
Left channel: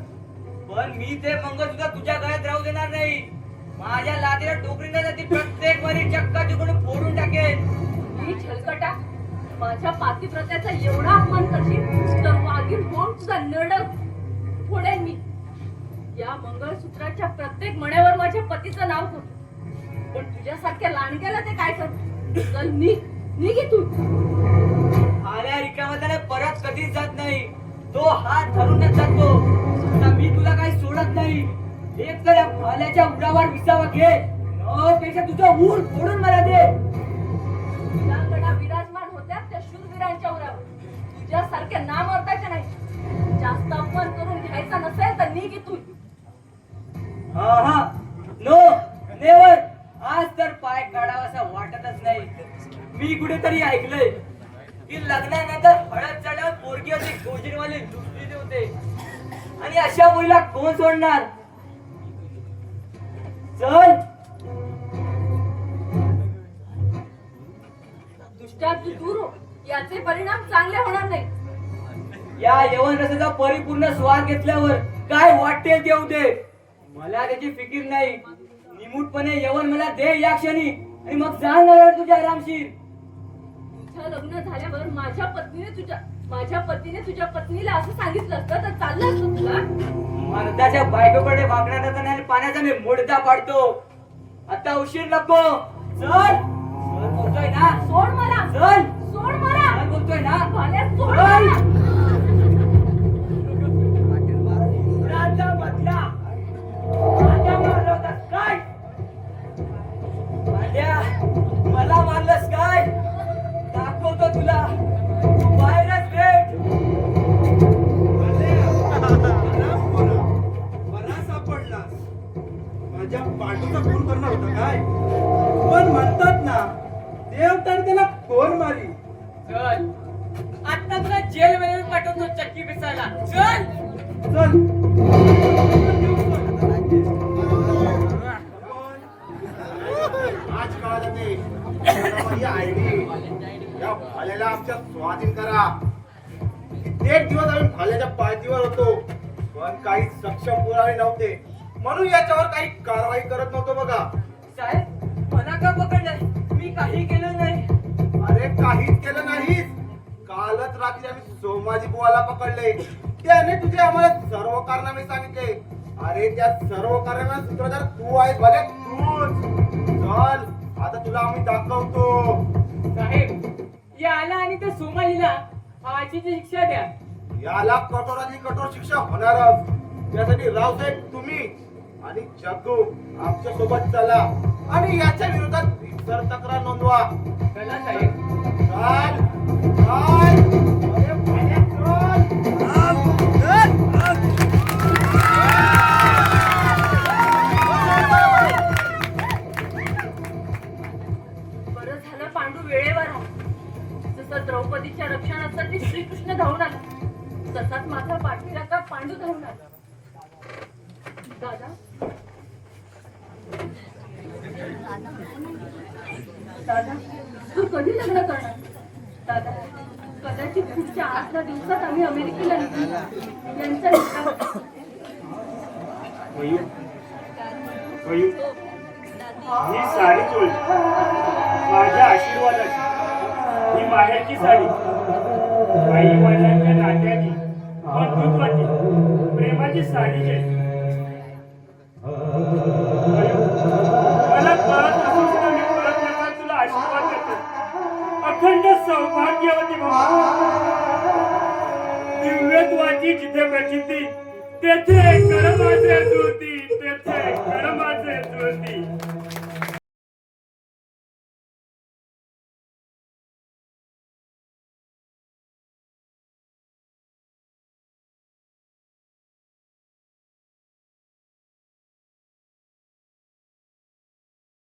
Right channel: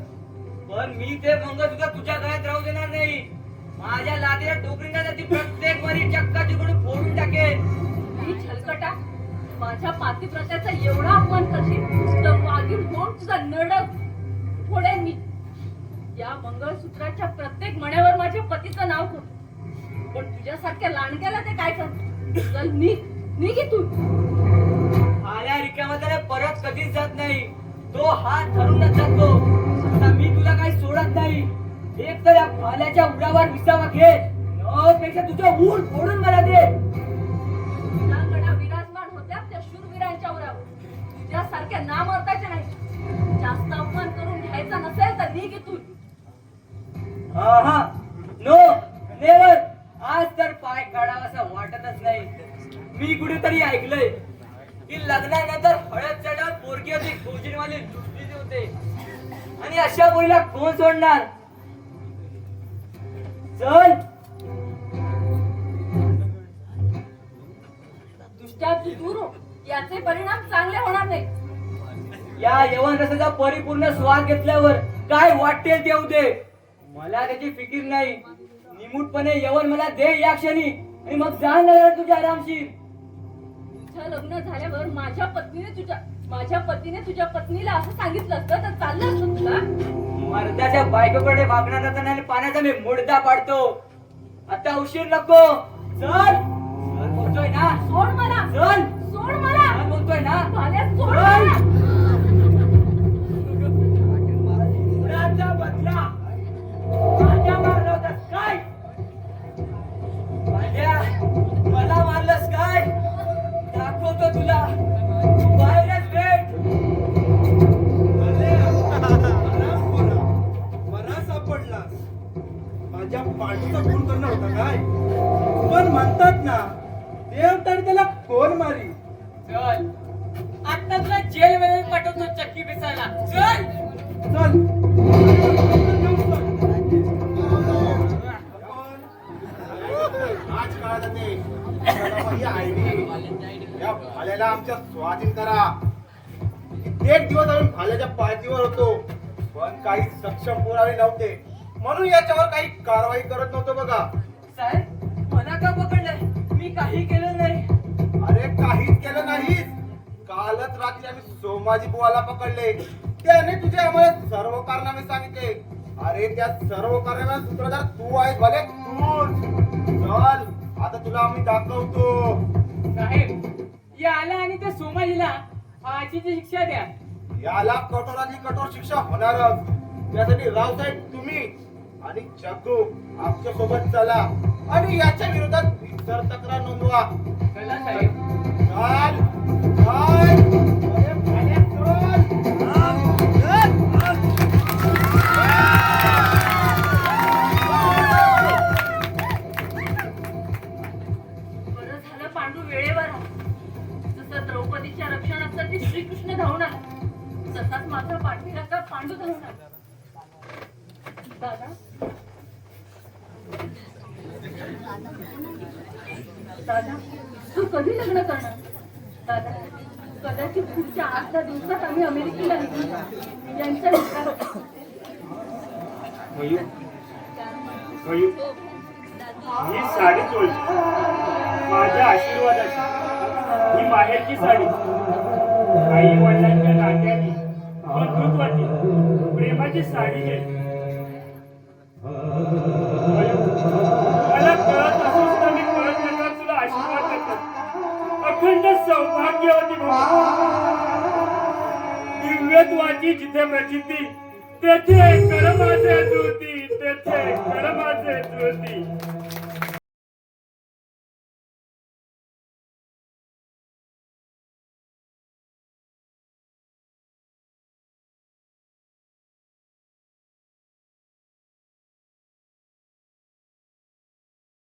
पण मी ते मंगळसूत्र तुझ्या गळ्यात राहू देणार नाही. माझ्या लादीला टोकरीला ती प्रत्येक वारी चक्का चिकून फोडून टाकेन. ही छलकटा माझ्या पातिव्रत्याचा एवढा अपमान करशील तर वाघीण होऊन तुझा नड फोडेन मी. या मंगळसूत्राच्या प्रत्येक मण्यावर माझ्या पतीचं नाव होतं, पण तुझ्यासारख्या लांडग्याला ते काय करत. चल निघ इथून. आल्या रिकाम्याने परत कधीच जात नाही. तो हात धरूनच जातो. आता मी तुला काही सोडत नाही. एक तर या भाल्याच्या उडावर विसावा घे, न पेक्षा तुझं ऊर फोडून मला दे. वीरांगणा विराजमान होत्या त्या शूरवीरांच्या उरावर, तुझ्यासारख्या नामर्दाच्या नाही. जास्त अपमान करून घ्यायचा नसेल तर निघ इथून. हा नो नेवर. आज तर पाय काढावासा वाटतच नाही. मी कुठेतरी ऐकलंय की लग्नानंतर हळद चढाव पोरगी होती गोजीनवाली लुटलेली होते, आणि अशा मुलीला कोण सोडणार. चल. दुष्टात दूर हो, याचे परिणाम चांगले होणार नाही. या यवन रसाचा परिपूर्ण स्वाद घेतल्यावर काय वाटेल ते दे, मला त्याची फिकीर नाही. निमूटपणे यवन मला दे या क्षणी, आणि मग जाणार तुझ्या आरामशीर. तुझं लग्न झाल्यावर माझ्या पत्नीने तुझ्या पत्नीला असं सांगितलं असतं तर चाललं असतं तुला. मर्दाच्या बायकोकडे वागणार नसताना आणि पाण्याचा मी मुडदा पाडतो. आता उशीर नको. चल. चल बोलतोय ना. सोड मला. चल. सोड मला. चल बोलतोय ना. भाल्या, सोड चल. मला. उडाचा बदला माझ्या मारला होतास काय. भाल्या, मला मारलंस काय. दाखवतो तुला. तू बाहेरच भेट. बरा सापडलास. माझ्या पांडूचा खून करणार होता काय. पण म्हणतात ना देव तर त्याला कोण मारी. चल आता तुला जेल मध्ये पाठवतो चक्की पिसायला. चल. चल. आज कळा जाते ही आयडी या भाल्याला आमच्या स्वाधीन करा. कित्येक दिवस आम्ही भाल्याच्या पाठीवर होतो, पण काही सक्षम पुरावे नव्हते, म्हणून याच्यावर काही कारवाई करत नव्हतो बघा. साहेब, मला का पकडलंय. मी काही केलं नाही. अरे काहीच केलं नाहीस. कालच रात्री आम्ही सोमाजी बुवाला पकडले. त्याने तुझे आम्हाला सर्व कारनामे सांगितले. अरे त्या सर्व कारणांना सूत्रधार तू आहेस भले तूच. चल आता तुला आम्ही दाखवतो. साहेब, याला आणि त्या सोमाजीला फाशीची शिक्षा द्या. याला कठोरातली कठोर शिक्षा होणारच. त्यासाठी रावसाहेब तुम्ही आणि जग्गू आमच्या सोबत चला आणि याच्या विरोधात रीतसर तक्रार नोंदवा. चला साहेब. चल चल. अरे भाले, बरं झालं पांडू वेळेवर आला. जसं द्रौपदीच्या रक्षणासाठी श्रीकृष्ण धावून आला, तसाच माझा पाठीराखा पांडू धावून आला. दादा दादा तू कधी लग्न करणार. दादा कदाचित पुढच्या 8 दिवसात आम्ही अमेरिकेला निघू. यांचा निकाल. मयूर, मयूर, ही साडी तुळशी माझ्या आशीर्वादाची. ही माहेरची साडी आई वडिलांच्या नात्याची बंधुत्वाची प्रेमाची साडी घे. मयूर, मला कळत असून सुद्धा मी कळत नका तुला आशीर्वाद देतो. अखंड सौभाग्यवती भाऊ. दिव्यत्वाची जिथे प्रचिती तेथे कर्माचे ज्योती, तेथे कर्माचे ज्योती.